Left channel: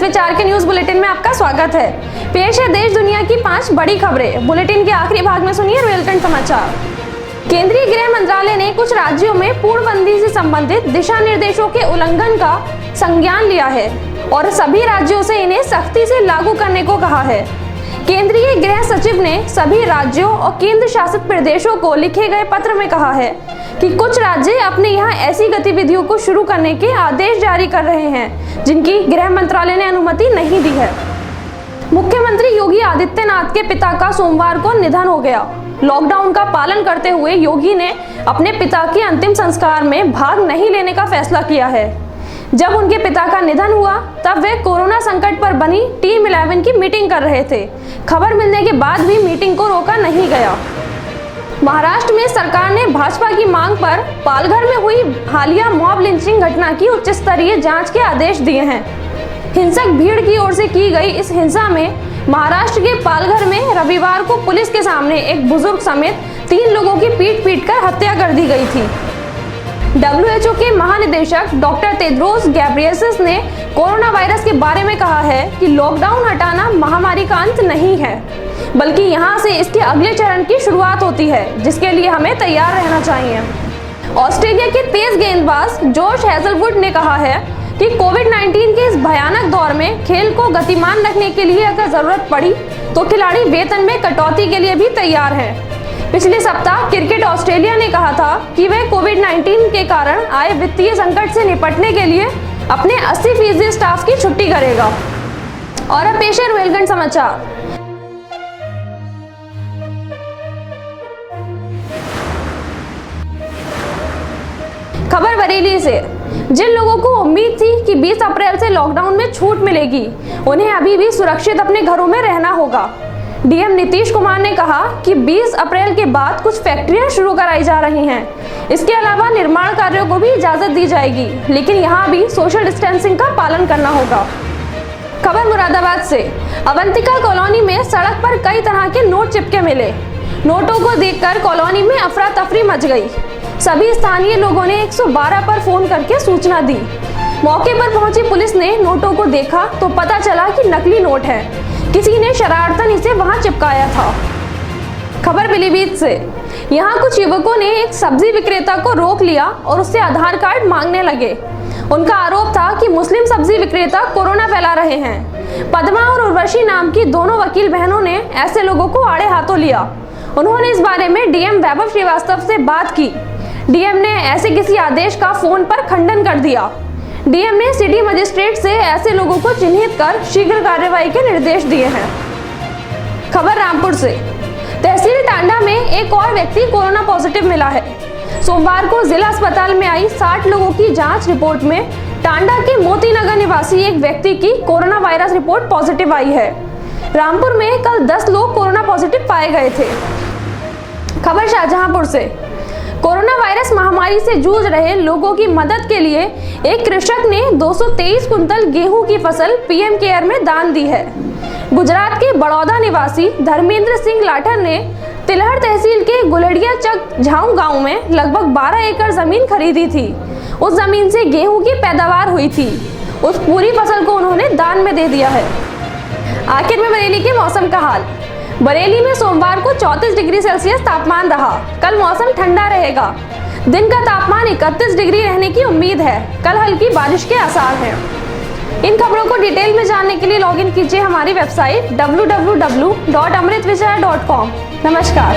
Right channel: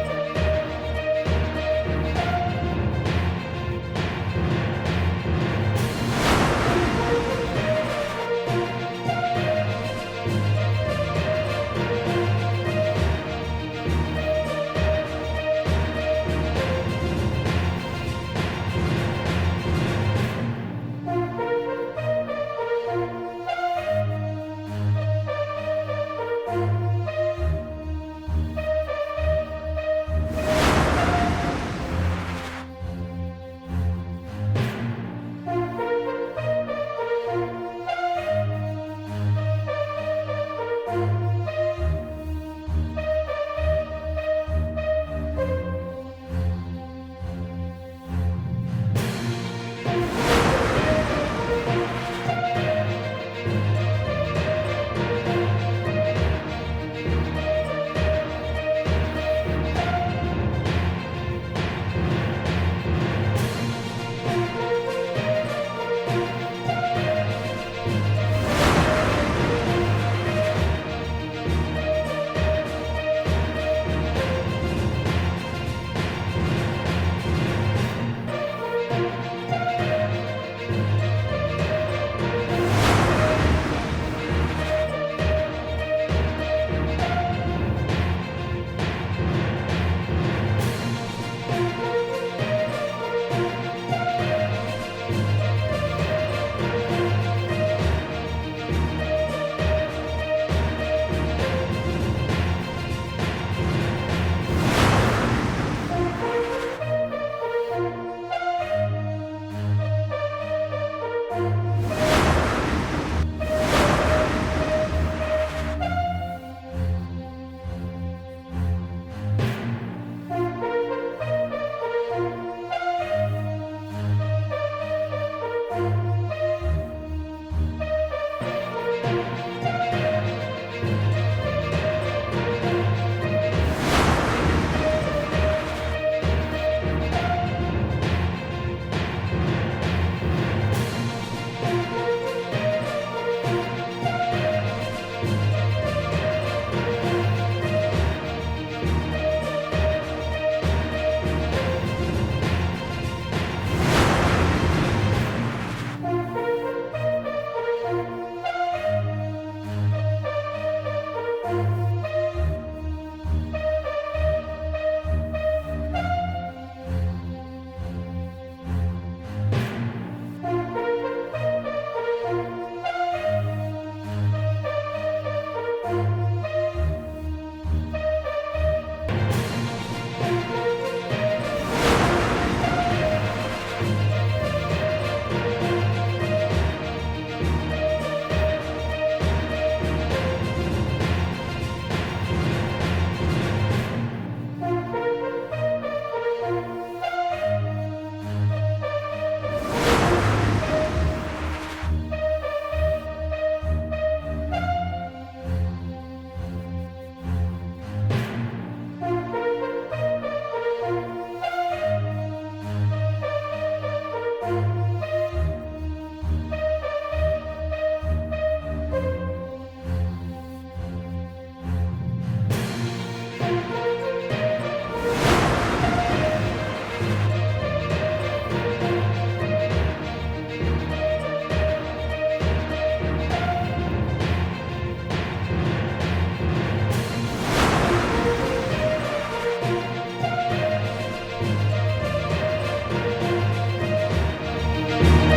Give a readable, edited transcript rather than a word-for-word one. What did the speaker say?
अमृत विचार के news bulletin में आपका स्वागत है। पेश है देश दुनिया की 5 बड़ी खबरें। बुलेटिन के आखिरी भाग में सुनिए रियल-टाइम समाचार। केंद्रीय गृह मंत्रालय ने कुछ राज्यों में पूर्णबंदी से संबंधित दिशा निर्देशों के उल्लंघन का संज्ञान लिया है और सभी राज्यों से इन्हें सख्ती से लागू करने को कहा है। केंद्रीय गृह सचिव ने सभी राज्यों और केंद्र शासित प्रदेशों को लिखे गए पत्र में कहा है कि कुछ राज्य अपने यहाँ ऐसी गतिविधियों को शुरू करने के आदेश जारी कर रहे हैं जिनकी गृह मंत्रालय ने अनुमति नहीं दी है। मुख्यमंत्री योगी आदित्यनाथ के पिता का सोमवार को निधन हो गया। लॉकडाउन का पालन करते हुए योगी ने अपने पिता के अंतिम संस्कार में भाग नहीं लेने का फैसला किया है। जब उनके पिता का निधन हुआ तब वे कोरोना संकट पर बनी टीम 11 की मीटिंग कर रहे थे। खबर मिलने के बाद भी मीटिंग को रोका नहीं गया। महाराष्ट्र में सरकार ने भाजपा की मांग पर पालघर में हुई हालिया मॉब लिंचिंग घटना की उच्च स्तरीय जांच के आदेश दिए हैं। हिंसक भीड़ की ओर से की गई इस हिंसा में महाराष्ट्र के पालघर में रविवार को पुलिस के सामने एक बुजुर्ग समेत 3 लोगों की पीट कर हत्या कर दी गई थी। WHO के महानिदेशक डॉक्टर तेद्रोस गैब्रियेसस ने कोरोना वायरस के बारे में कहा है कि लॉकडाउन हटाना महामारी का अंत नहीं है, बल्कि यहाँ से इसके अगले चरण की शुरुआत होती है, जिसके लिए हमें तैयार रहना चाहिए। ऑस्ट्रेलिया के तेज गेंदबाज जोश हेजलवुड ने कहा है कि कोविड-19 के इस भयानक दौर में खेल को गतिमान रखने के लिए अगर जरूरत पड़ी तो खिलाड़ी वेतन में कटौती के लिए भी तैयार हैं। पिछले सप्ताह क्रिकेट ऑस्ट्रेलिया ने कहा था कि वह कोविड-19 के कारण आए वित्तीय संकट से निपटने के लिए अपने 80% स्टाफ की छुट्टी करेगा। और अब पेश है रोहिलखंड समाचार। खबर बरेली से। जिन लोगों को उम्मीद थी कि 20 अप्रैल से लॉकडाउन में छूट मिलेगी, उन्हें अभी भी सुरक्षित अपने घरों में रहना होगा। डीएम नीतीश कुमार ने कहा कि 20 अप्रैल के बाद कुछ फैक्ट्रियां शुरू कराई जा रही हैं। इसके अलावा निर्माण कार्यों को भी इजाजत दी जाएगी, लेकिन यहाँ भी सोशल डिस्टेंसिंग का पालन करना होगा। खबर मुरादाबाद से। अवंतिका कॉलोनी में सड़क पर कई तरह के नोट चिपके मिले। नोटों को देखकर कॉलोनी में अफरा तफरी मच गई। सभी स्थानीय लोगों ने 112 पर फोन करके सूचना दी। मौके पर पहुंची पुलिस ने नोटों को देखा तो पता चला कि नकली नोट है। किसी ने शरारतन इसे वहां चिपकाया था। खबर पीलीभीत से। यहाँ कुछ युवकों ने एक सब्जी विक्रेता को रोक लिया और उससे आधार कार्ड मांगने लगे। उनका आरोप था कि मुस्लिम सब्जी विक्रेता कोरोना फैला रहे हैं। पद्मा और उर्वशी नाम की दोनों वकील बहनों ने ऐसे लोगों को आड़े हाथों लिया। उन्होंने इस बारे में डीएम वैभव श्रीवास्तव से बात की। डीएम ने ऐसे किसी आदेश का फोन पर खंडन कर दिया। डीएम ने सिटी मजिस्ट्रेट से ऐसे लोगों को चिन्हित कर शीघ्र कार्रवाई के निर्देश दिए हैं। खबर रामपुर से। तहसील टांडा में एक और व्यक्ति कोरोना पॉजिटिव मिला है। सोमवार को जिला अस्पताल में आई 60 लोगों की जांच रिपोर्ट में टांडा के मोती नगर निवासी एक व्यक्ति की कोरोना वायरस रिपोर्ट पॉजिटिव आई है। रामपुर में कल 10 लोग कोरोना पॉजिटिव पाए गए थे। खबर शाहजहांपुर से। कोरोना वायरस महामारी से जूझ रहे लोगों की मदद के लिए एक कृषक ने 223 कुंतल गेहूं की फसल पीएम केयर में दान दी है। गुजरात के बड़ौदा निवासी धर्मेंद्र सिंह लाठर ने तिलहड़ तहसील के गुलड़िया चक झाऊ गांव में लगभग 12 एकड़ जमीन खरीदी थी। उस जमीन से गेहूं की पैदावार हुई थी। उस पूरी फसल को उन्होंने दान में दे दिया है। आखिर में बरेली के मौसम का हाल। बरेली में सोमवार को 34 डिग्री सेल्सियस तापमान रहा। कल मौसम ठंडा रहेगा। दिन का तापमान 31 डिग्री रहने की उम्मीद है। कल हल्की बारिश के आसार हैं। इन खबरों को डिटेल में जानने के लिए लॉगिन कीजिए हमारी वेबसाइट www.amritvichar.com। नमस्कार।